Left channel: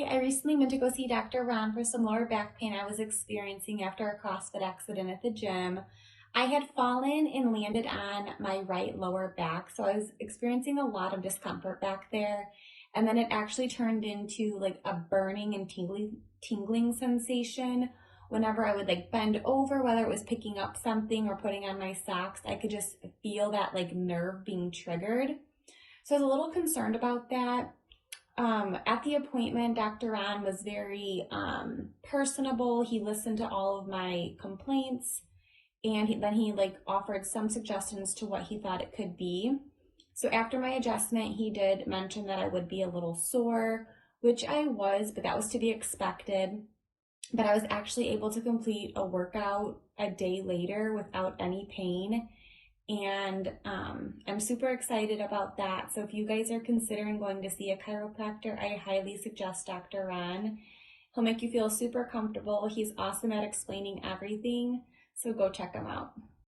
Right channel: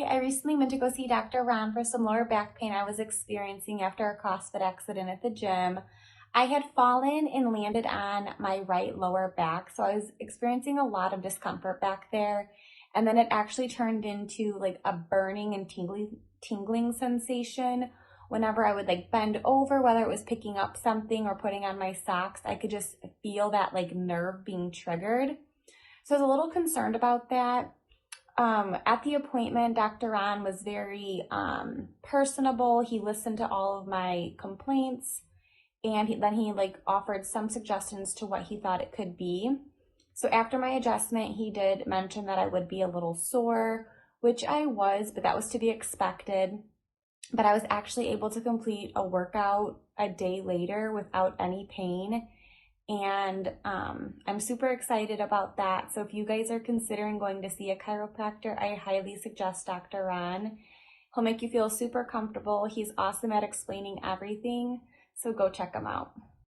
Hi, I recently went to go see Dr. Ron for some lower back pain I was experiencing after a CrossFit accident at the gym. I had fallen and landed on my right lower back, so I was experiencing a lot of discomfort back there. And then it actually turned into like a burning and tingling sensation. Whenever I would like bend over, whether it was picking up something or putting on my socks, I could just feel that like nerve being triggered. So I was a little concerned about that. At the appointment, Dr. Ron was very personable. He listened to all of my complaints, and then he like offered some suggestions to what he thought it could be. So after my adjustment, he did mention that I would be a little sore, which I was, but that was to be expected. But I was actually able to complete a workout a day later without any pain. And I'm super excited about that. So if you guys are considering going to see a chiropractor, I highly suggest Dr. Ron. He'll make you feel super comfortable. He's awesome at explaining everything. So go check him out.